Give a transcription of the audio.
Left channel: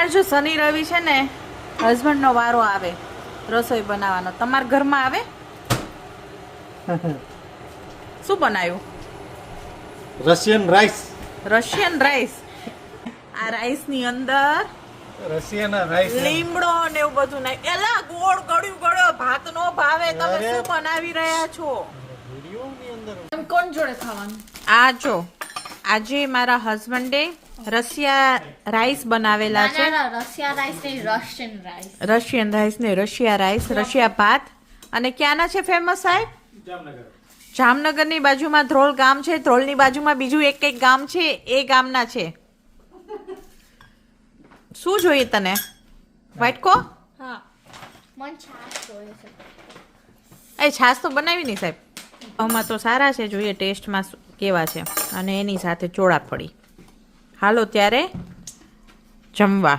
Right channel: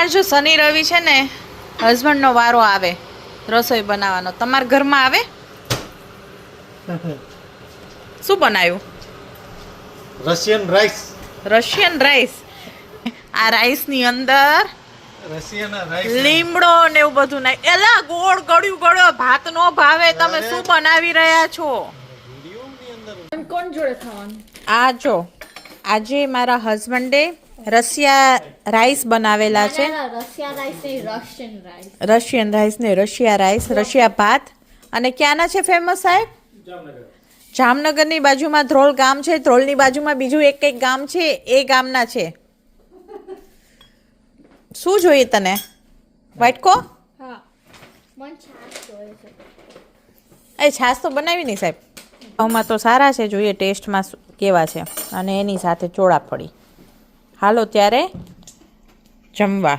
અમારે જો શનિ રવિ છે ને હસબન્ડનો વારો આવે રસોઈ બનાવવાનો. તમારા ઘરમાં આવે? શું બનાવ્યું? Russian rice. Russian rice. આ રાઈસની અંદર રશિયન રાઈસ લીમડો ને એવું બધું નાખ. એલા ગોળ ગળ્યું ગળો ભાત નો ભાવે. તમે શું બનાવી રહ્યા છો? વિડિયોની અંદર કોણ જોડે ખાવાનું? આ જો આજે મારા હસબન્ડે રશિયા રાઈસ બનાવેલા છે. રશિયા રાઈસ નહીં, રશિયન રાઈસ. રશિયન રાઈસ ને રશિયા રાઈસ, રશિયા ભાત. અને ક્યાંના છે ફેમસ સાહેબ? જામનગર. જામનગરની બાજુમાં ધ્રોલ ગામ છે. ધ્રોલની બાજુમાં બીજું એક ગામ છે, એ ગામના છે. શું જોઈએ તને? વાટકો? હા, મને છાશ જોઈએ છે. એ છાશ તો બનાવી નહીં સાહેબ. આમાં તો સારા છે, જોઈએ ટેસ્ટમાં કેવા છે. અને એની સાથે ચોળાફળી. હાલો ત્યારે જમવા.